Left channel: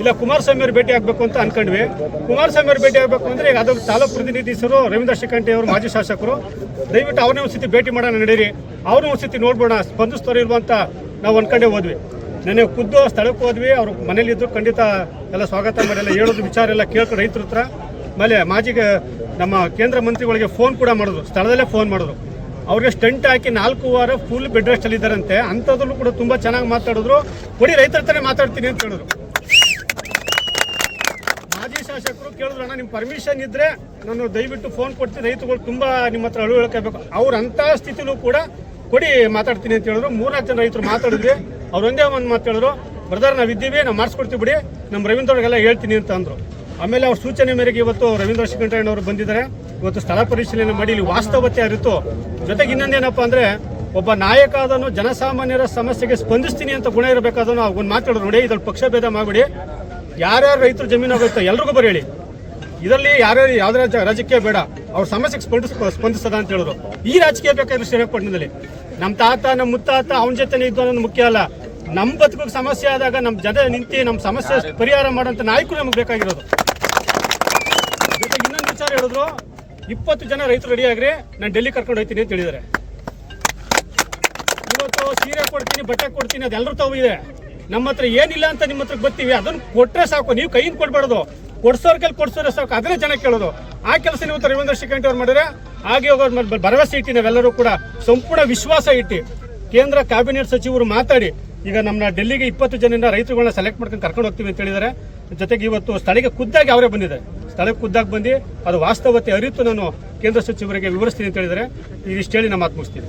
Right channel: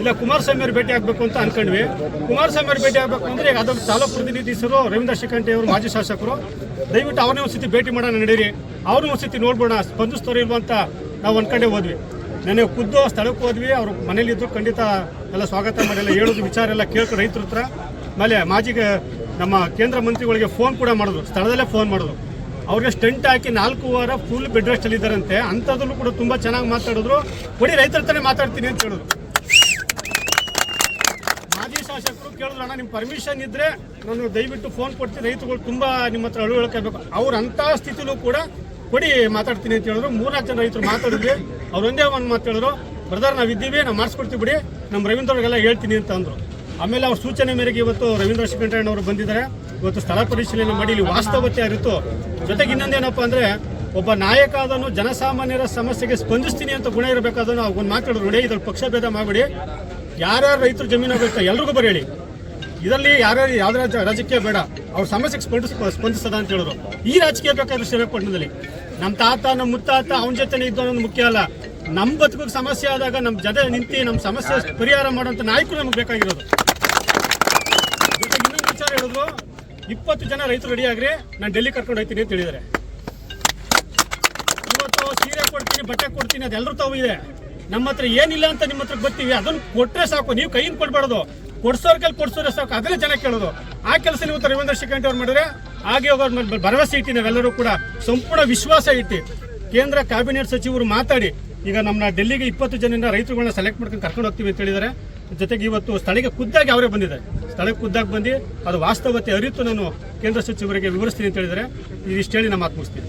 ಇಲ್ಲ ಕುಮಾರಸ್ವಾಮಿ ಅವರು ಭೇಟಿ ಆಗಬೇಕು ಅಂತ ಅನ್ಕೊಂಡ್ವಿ. ಕುಮಾರಸ್ವಾಮಿ ಅವರು ಭೇಟಿ ಆಗಬೇಕು ಅಂದರೆ ಈಗ ಅದರ ತಾಲೂಕು ಪ್ರತಿನಿಧಿಸರು ರವೀಂದ್ರ ಶಿಖಂಡಿ ಅವರು ಮಾಜಿ ಶಾಸಕರು, ದಯವಿಟ್ಟು ಅವ್ರನ್ನೇ ಒಂದು ಸತಿ ಭೇಟಿ ಮಾಡೋಣ ನಡೀರಿ, ಅವ್ರನ್ನ ಒಂದು ಸತಿ ನೋಡ್ಬೋಣ ಸ್ಪಂದಿಸ್ತಾರೆ ಇಲ್ವ ಅಂತ ನಾವು ಅಂದ್ಕೊಂಡೇ ಹೋದ್ವಿ. ನೆನ್ನೆ ಖುದ್ದು ಸ್ಥಳಕ್ಕೆ ಹೋದ್ವಿ. ಅವ್ರು ಮನೇಲಿದ್ದರು, ಖಂಡಿತ ಎಲ್ಲ ಸ್ವಾಗತ ಮಾಡಿ ಹೇಳೋದು ವಿಚಾರ ಎಲ್ಲ ಕೇಳ್ಕೊಂಡು ರೈತರ ಹತ್ರ. ಆಮೇಲೆ ನಮ್ಮ ಕೇಂದ್ರ ಮಂತ್ರಿಗಳಿಗೆ ಫೋನ್ ಕೂಡ ಮಾಡಿದ್ರು, ಸ್ಥಳದಲ್ಲೇ ಫೋನ್ ಮಾಡಿದ್ರು. ಅವ್ರಿಗೆ ಸ್ಟಂಟ್ ಹಾಕಿ 4 ವಾರ ಫುಲ್ ಬೆಡ್ ರೆಸ್ಟ್ ಅಲ್ಲಿದ್ದಾರಂತೆ. ಅಂಥದ್ರಲ್ಲೂ ಕೂಡ ತುಂಬ ಚೆನ್ನಾಗಿ ಮಾತಾಡಿದ್ರು. ಕೊಡಿ ರೈತರ ಹತ್ರನೇ ಮಾತಾಡ್ತೀನಿ ಅಂತ ಹೇಳಿದ್ರು. ಮಾಜಿ ಶಾಸಕರು ಕೇಳಿದ್ರು, ಅಣ್ಣ ನಿಮ್ಮ ಪರ್ಮಿಷನ್ ಇದ್ದರೆ ನಾನು ದಯವಿಟ್ಟು ಫೋನ್ ಕೊಡ್ತೀನಿ, ರೈತರುಗಳು ತುಂಬ ನಿಮ್ಮ ಹತ್ರ ಅಳುವಳಿಕಬೇಕು. ಅವ್ರು ಅಂಥ ಸ್ಥಿತಿಲೂ ಕೂಡ ಕೊಡಿ ಮಾತಾಡ್ತೀನಿ ಅಂತ ಹೇಳಿದ್ರು. 3-4 ಜನ ರೈತರು ಮಾತಾಡಿದ್ವಿ. ಅವ್ರು ಒಂದೇ ಒಂದು ಮಾತು ಹೇಳಿದ್ರು, ಬ್ರದರ್ ನಾವಿದ್ದೀವಿ, ನಾವು ಮಾಡಿಸ್ಕೊಡ್ತೀವಿ ಬಿಡಿ, ನಮ್ಮ ರವೀಂದ್ರ ಅವ್ರಿಗೆಲ್ಲ ಹೇಳ್ತೀನಿ ಅಂತ ಅಂದರು. ಆಮೇಲೆ ಅವ್ರ ಸೂಚನೆ ಮೇರೆಗೆ ಇವತ್ತು ರವೀಂದ್ರ ಶಿಖಂಡಿ ಅವರು ಬಂದಿದ್ದಾರೆ. ಇವತ್ತು ಸ್ಥಳ ಪರಿಶೀಲನೆ ಮಾಡಿ ಇಲ್ಲಿ ವಾಸ್ತವತೆ ಅರಿತು, ಜೊತೆಗೆ ಇನ್ನೊಂದೇನಪ್ಪ ಅಂದರೆ ಒಬ್ಬ ನಾಯಕ ಆದನು ಜನಸಾಮಾನ್ಯರ ಸಮಸ್ಯೆಗೆ ಸ್ಪಂದಿಸ್ತೀನಿ ಅಂತ ಗುಣ ಇರಬೇಕಾದನು. ಒಂದು ಮಾತಾಡೋದು ನೋಡಿ, ಇದ್ರಲ್ಲಿ ಪಕ್ಷಭೇದ ಮಾಡಿಬಿಡಿ, ಯಾರ್ಯಾರು ರೈತರು ಜಮೀನು ಆಗುತ್ತೋ ಎಲ್ರಿಗೂ ಬರೀ, ಇದರಲ್ಲಿ ಯಾರ್ಯಾರು ಯಾವುದೇ ರಾಜಕೀಯ ಬೇಡ, ಅವ್ರ ಸಮಸ್ಯೆಗೆ ಸ್ಪಂದಿಸದ ಅಂತ ಹೇಳಿದ್ರು. ಈ ರಾಜಕೀಯ ಬೇಕಾದ್ರೆ ಶ್ರೀರಂಗಪಟ್ಟಣದಲ್ಲಿ ನಮ್ಮ ತಾತ ನಮ್ಮ ಮುತ್ತಾತ ಅವನ ಜೊತೆ ಇದ್ದು ಅನ್ನೋದು ಮುಖ್ಯ ಅಲ್ಲ. ನಮ್ಮ ಬದುಕಿಗೆ ಸಮಸ್ಯೆ ಆದಾಗ ನಮ್ಮ ಜೊತೆ ನಿಂತು ನಮ್ಮ ಸಮಸ್ಯೆ ಪರಿಹಾರ ಮಾಡುವಂಥ ನಾಯಕರು ನಮಗೆ ಬೇಕಾಗಿರೋದು. ಜೊತೆಗೆ ಇನ್ನೊಂದು ವಿಚಾರ ಹೇಳಿದ್ರು, 20 ಜನ ರೈತರು ರೆಡಿ ಆಗ್ರಿ, ನಾನು ಡೆಲ್ಲಿ ಕರ್ಕೊಂಡು ಹೋಗ್ತೀನಿ ಅಂತ ಹೇಳಿದ್ದಾರೆ. ಇವತ್ತು ಸೀರೆ ಕೊಡ್ತೀನಿ, ಬಟ್ಟೆ ಕೊಡ್ತೀನಿ, ಅದೆಲ್ಲರೂ ತಾವು ಇದೆ. ನಮ್ಮ ಹತ್ರ ಏನಿಲ್ಲ ಅಂತ ನಿಮ್ಮ ಹತ್ರ ಬರ್ತೀವಿ, ಅದನ್ನು ಕೊಟ್ಟರೆ ಸಾಕು, ನೀವು ಕೈಯಿಂದ ಕೊಡ್ಬಾರ್ದು, ಕೊಡ್ಸೋರ್ ಕೈಲಿ ಕೊಡ್ಸೋರೆ ಸಾಕು, ಅದನ್ನೇ ಜನ ಕೇಳೋದು. ಆ ಕೆಲಸ ಇವತ್ತು ರವೀಂದ್ರ ಶಿಖಂಡಿ ಅವ್ರು ಮಾಡಿದ್ರೆ ಹಾಗೆ ಹೋಗೋದು ಭರವಸೆ ಇಟ್ಟು ನಾವೆಲ್ಲರೂ ಕೂಡ ಸಂಪೂರ್ಣ ವಿಶ್ವಾಸ ಇಟ್ಟು ಕೇಂದ್ರ ಕ್ಯಾಬಿನೆಟ್ ಸಚಿವರು ಮಾತಾಡಿ ಈಗ ನಮ್ಮನ್ನ ಡೆಲ್ಲಿಗೆ 20 ಜನರಿಂದ ರೈತರುಗಳನ್ನ ಸೆಲೆಕ್ಟ್ ಮಾಡ್ಕೊಂಡು ಕರ್ಕೊಂಡು ಹೋಗ್ತೀವಿ ಅಂತ ಹೇಳಿದ್ದಾರೆ. ಜೊತೆಗೆ ಇವತ್ತು ಸ್ಥಳಕ್ಕೆ ಖುದ್ದಾಗಿ ಅವರೇ ಬಂದಿದ್ದಾರೆ. ಸ್ಥಳಕ್ಕೆ ಖುದ್ದಾಗಿ ಬಂದು ಅದು ವಾಸ್ತವತೆ ಅರಿತು ನಾನು ಕೇಂದ್ರ ಸಚಿವರಿಗೆ ವಿವರಿಸ್ತೀನಿ ಅಂತ ಹೇಳಿದರೆ. ಇದಿಷ್ಟು ಹೇಳಿ ನಮ್ಮ ಮಾತು ಮುಗಿಸ್ತೀನಿ.